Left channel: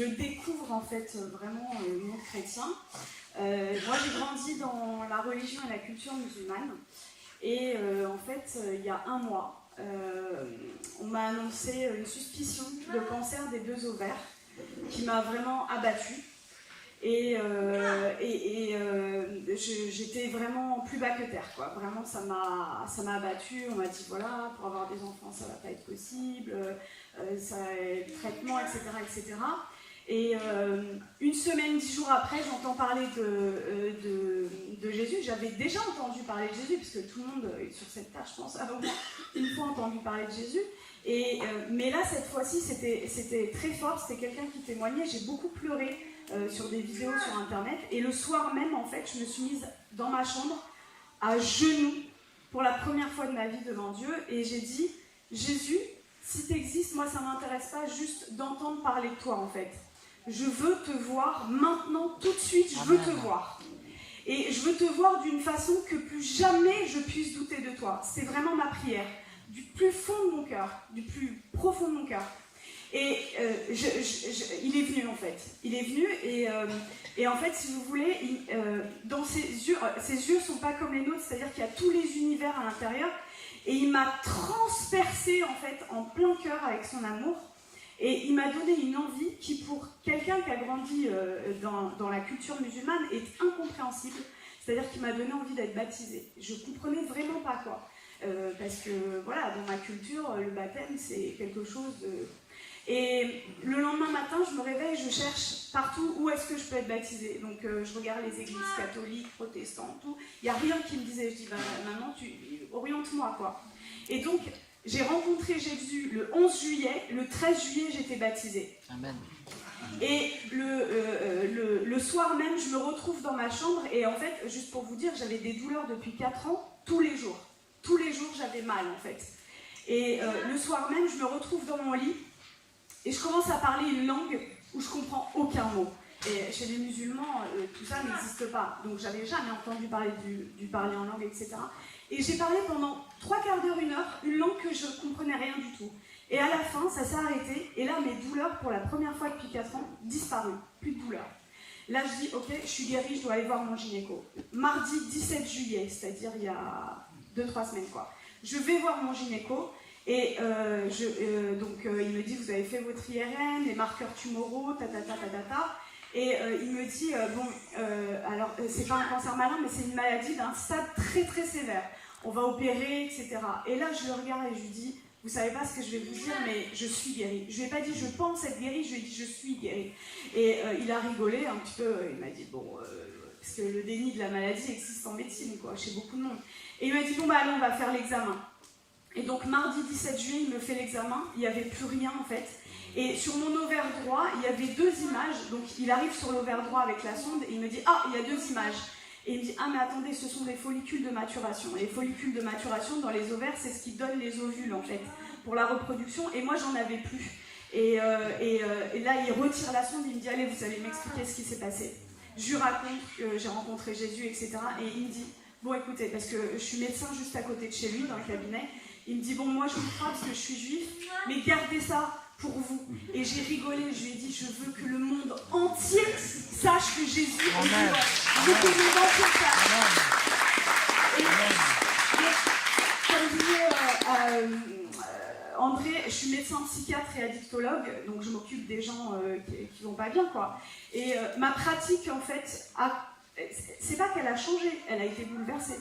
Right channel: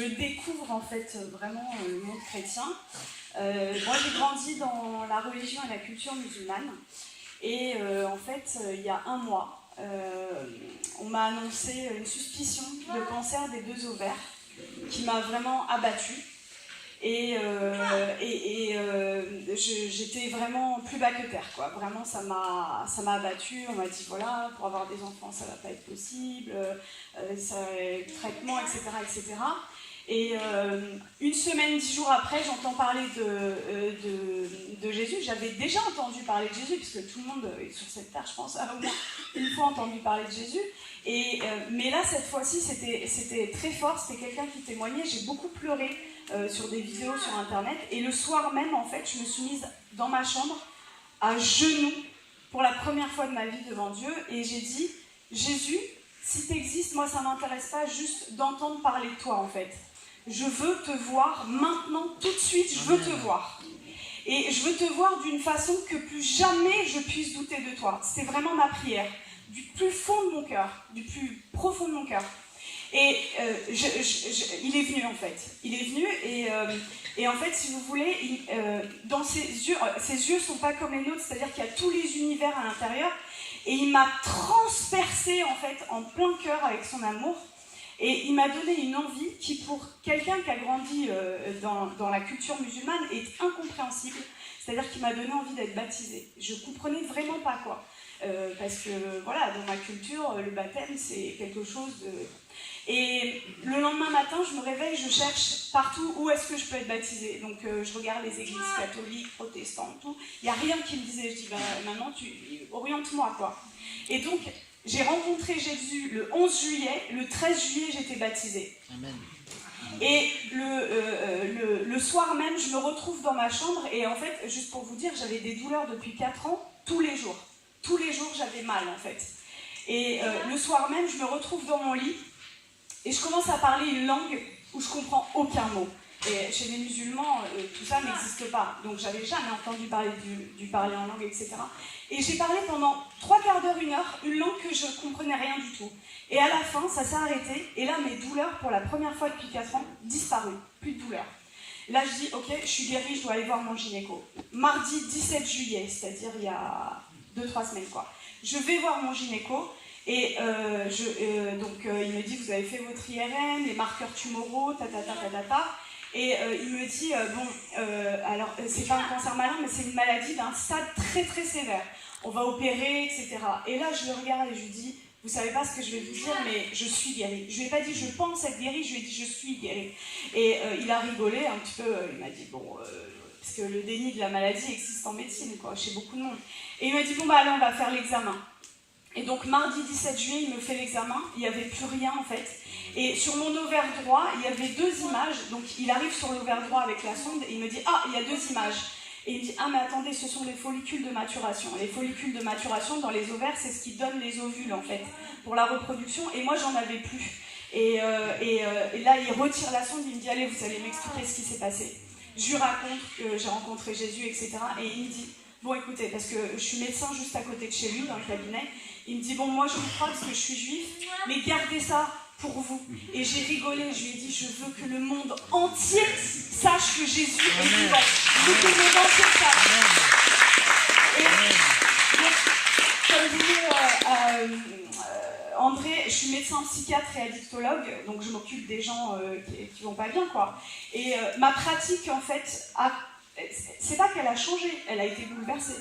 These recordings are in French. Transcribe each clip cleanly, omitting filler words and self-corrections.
je découvre en fait vraiment le monde chrétien. Moi j'ai grandi dans la religion et la culture musulmane et en fait il y a un mois on m'a annoncé une suspicion de cancer des 2 ovaires qui m'a vraiment abattue et j'étais vraiment plus bas que terre quoi. Vraiment ça m'a abattue. On m'a dit voilà, pour avoir des enfants ça va pas être possible, les traitements etc. Et une semaine, 10 jours après, j'entends parler de Jésus. J'avais déjà entendu parler de Jésus, puisque tout le monde sur cette terre, je pense, a au moins une fois entendu parler de Jésus. Mais là, cette fois-ci, c'était très fort. C'était quelqu'un qui témoignait. J'ai beaucoup pleuré sur des vidéos sur Internet. Et le soir même, en fait, je me suis mise dans ma chambre, à genoux, pour la première fois de ma vie devant Dieu. Et j'ai dit, Jésus, si tu existes, moi, ça ne m'intéresse pas juste d'entendre parler de toi, en fait. Je veux te voir maintenant, tout de suite, je veux te voir. Et je veux te voir d'une façon que plus jamais je puisse douter de toi. C'était vraiment ma prière, du plus fond de mon cœur, du plus profond de mon cœur. Et il est venu en fait. Il est venu et en fait, si vous voulez, dans ses yeux ne sont pas comme les nôtres, c'est-à-dire qu'il y a tous les univers à l'intérieur. Et il m'a transpercé en fait en plein cœur avec son amour. Et il m'a donné une envie qui, pour quelqu'un qui a grandi dans la culture musulmane, est incompréhensible. C'est-à-dire qu'il m'a donné envie d'être baptisée. Je ne comprenais vraiment pas quoi. Parce que, voilà, dans ma culture, le baptême, c'est quelque chose de... Et le lendemain matin, je me réveille, je cherche partout où est-ce que je peux être baptisée. Donc, je regarde les églises catholiques, protestantes, tout. Il n'y a rien qui me disait. Je dis, maintenant, oriente-moi, quoi. Et donc... J'ai rencontré Jésus le 11 juillet, le 13 juillet, j'étais baptisée. Amen. Et le soir même, je me retrouve dans ma chambre et en fait, juste pour vous dire, j'avais des douleurs depuis 4 ans, tous les jours. Tous les jours, j'avais mal en fait. Et le soir même, je me retrouve dans mon lit et je commence à parler une langue où je comprends aucun mot. Et chez les musulmans, tout ça n'existe pas. Donc j'avais jamais entendu parler du parler en langue, etc. Et j'ai parlé pendant 3/4 d'heure, 1 heure, une langue que je ne comprenais rien du tout. Et à la fin, ça s'est arrêté. Et là, mes douleurs, pour la première fois depuis 4 ans, disparues. Plus de douleurs. Là, je dis, ok, je suis guérie, je dois aller voir mon gynéco. Mardi 17 juillet, c'est-à-dire il y a 2-3 semaines, quoi. Je vais voir mon gynéco. Et donc, il me dit, vous avez fait votre IRM, les marqueurs tumoraux, ta. Et il me dit, alors c'est pas un cancer malin, mais c'est une maladie d'un stade très très sévère. On va opérer, etc. Et là, je le regarde et je lui dis, vous savez pas ce que je vais vous dire, mais je suis guérie. Je lui ai pas dit, je pense être guérie, je lui ai dit, je suis guérie. Et il a rigolé un petit peu, il m'a dit, parce que le déni de la maladie existe en médecine, quoi, chez beaucoup de monde. Et il m'a dit, allez, on va faire l'examen. Et donc, mardi 17 juillet, il me fait l'examen, il n'y avait plus rien en fait. Et sur mon ovaire droit, il y avait 2 images. Donc, il arrive sur l'ovaire droit avec la sonde et il me dit « Ah, il y a 2 images ». Et il me dit « Ah, mais attendez, ce sont les follicules de maturation ». Les follicules de maturation dans les ovaires, c'est ce qui donne les ovules, en fait, pour la reproduction. Et moi, j'en avais plus. Et là, il retire la sonde, il me dit « Allez, vous allez m'expliquer ce qui s'est passé ». Je lui raconte que j'ai rencontré Jésus, etc. Et il me dit « Bon, écoutez, parce que je suis médecin juste à côté de chez lui, dans le cabinet. Il me dit « Bon, moi, je vous crois parce que je suis juif, mais gardez ça pour vous. » Et j'ai rigolé, je lui ai dit, je veux que le monde entier sache que Jésus est vivant. Je veux que le monde entier sache. Et comme disait André, je suis médecin psychiatre et addictologue, donc je m'occupe des gens qui vont pas bien, quoi. Et ma pratique, en fait, c'est pas qu'elle a changé, elle a été bouleversée.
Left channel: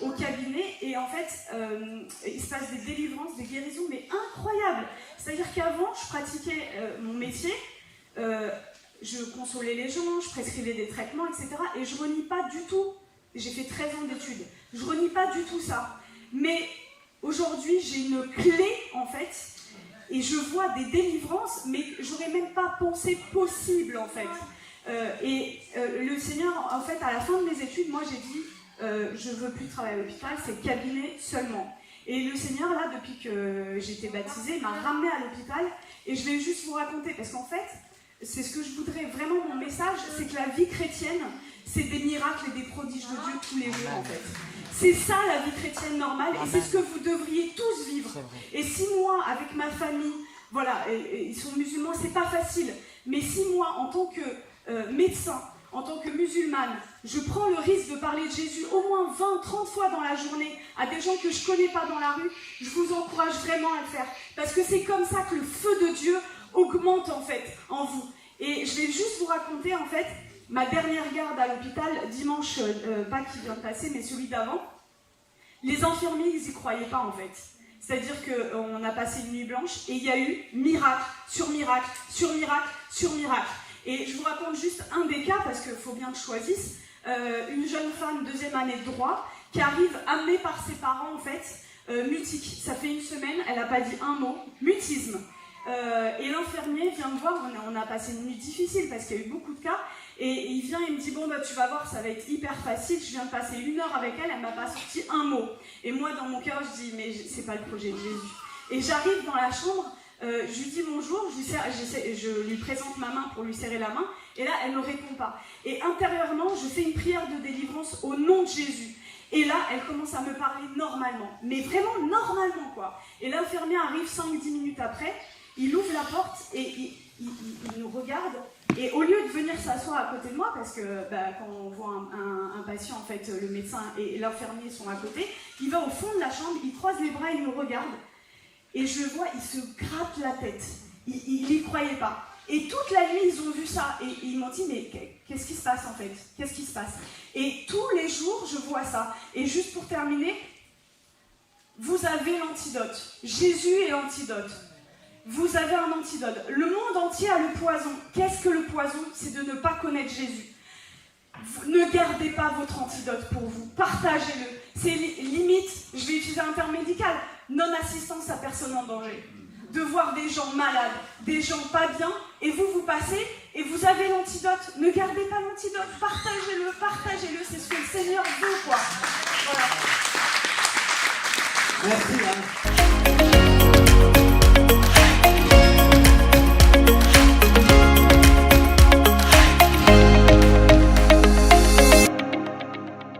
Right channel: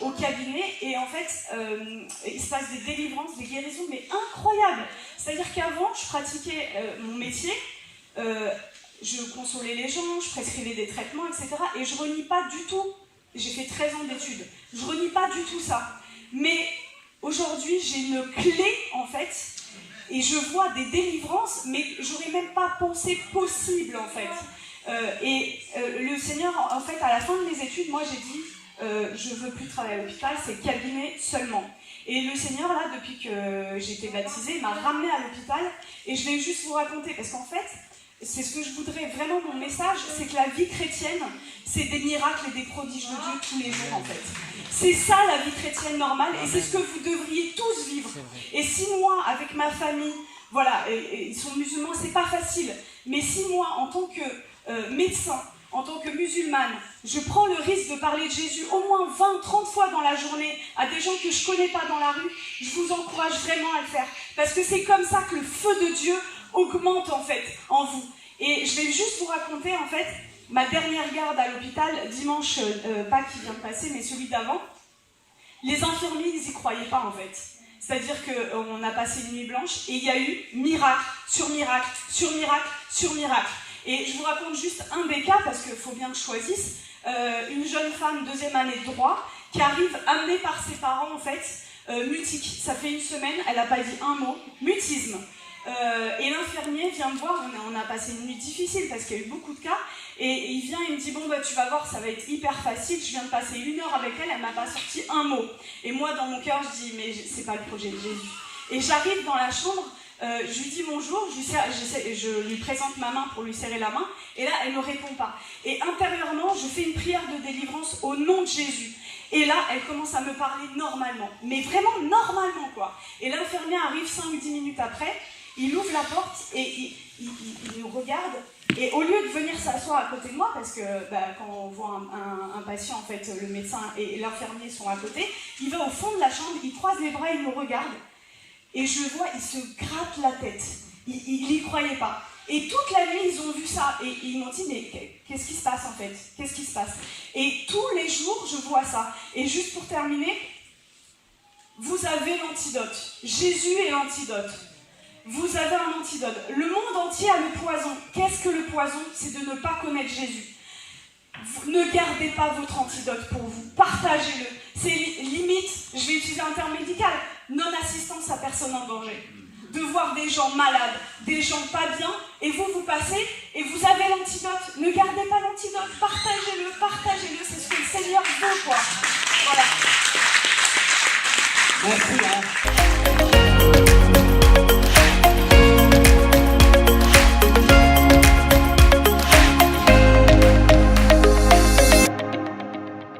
Au cabinet, et en fait, il se passe des délivrances, des guérisons, mais incroyables. C'est-à-dire qu'avant, je pratiquais mon métier, je consolais les gens, je prescrivais des traitements, etc. Et je renie pas du tout, j'ai fait 13 ans d'études, je renie pas du tout ça. Mais aujourd'hui, j'ai une clé, en fait, et je vois des délivrances, mais j'aurais même pas pensé possible, en fait. Le Seigneur, en fait, à la fin de mes études, moi, j'ai dit, je veux plus travailler à l'hôpital, c'est cabinet seulement. Et le Seigneur, là, depuis que j'ai été baptisée, m'a ramenée à l'hôpital. Et je vais juste vous raconter, parce qu'en fait, c'est ce que je voudrais, vraiment mon message, c'est que la vie chrétienne, c'est des miracles et des prodiges de Dieu tous les jours, en fait. C'est ça la vie chrétienne normale, et c'est ce que vous devriez tous vivre. Et si moi, avec ma famille, voilà, ils sont musulmans, c'est pas facile. Mais si moi, en tant que médecin, en tant que musulmane, je prends le risque de parler de Jésus au moins 20, 30 fois dans la journée à des gens que je ne connais pas dans la rue, je vous encourage vraiment à le faire. Parce que c'est comme ça que le feu de Dieu augmente en fait en vous. Et je vais juste vous raconter en fait ma dernière garde à l'hôpital, dimanche, pas qui vient de passer, mais celui d'avant. Les infirmiers, ils n'y croyaient pas en fait. C'est-à-dire qu'on a passé une nuit blanche et il y a eu miracle sur miracle, sur miracle, sur miracle. Et je vous raconte juste un des cas, parce qu'il faut bien que je choisisse. Une jeune femme, 2e année de droit, qui arrive amenée par ses parents, en fait, mutique. Ça fait une semaine, elle n'a pas dit un mot, mutisme. Et l'infirmier vient me voir, on a passé une nuit difficile, parce qu'il y a eu beaucoup de cas, et il vient et me dit, bon, bah, tu vas voir, ça va être hyper facile, je viens de passer 1 heure avec elle, elle m'a pas sorti un mot. Et moi, dans mon cœur, je dis, mais c'est pas le projet de Jésus. Et j'arrive dans la chambre, je lui dis bonjour, je lui présente ma main pour lui serrer la main, et là, elle ne me répond pas. Et intérieurement, je fais une prière de délivrance au nom de Jésus. Et là, elle commence à me parler normalement, mais vraiment normalement, quoi. Et l'infirmier arrive 5-10 minutes après, il ouvre la porte et il nous regarde, et au lieu de venir s'asseoir à côté de moi, parce que quand on voit un patient, en fait, le médecin et l'infirmier sont à côté, il va au fond de la chambre, il croise les bras, il nous regarde. Et je vois, il se gratte la tête. Il n'y croyait pas. Et toute la nuit, ils ont vu ça. Et ils m'ont dit, mais qu'est-ce qui se passe en fait? Qu'est-ce qui se passe? Et tous les jours, je vois ça. Et juste pour terminer, vous avez l'antidote. Jésus est l'antidote. Vous avez un antidote. Le monde entier a le poison. Qu'est-ce que le poison? C'est de ne pas connaître Jésus. Ne gardez pas votre antidote pour vous. Partagez-le. C'est limite, je vais utiliser un terme médical, non-assistance à personne en danger. De voir des gens malades, des gens pas bien, et vous passez, et vous avez l'antidote. Ne gardez pas l'antidote, partagez-le, c'est ce que le Seigneur veut, quoi. Voilà. Merci, hein.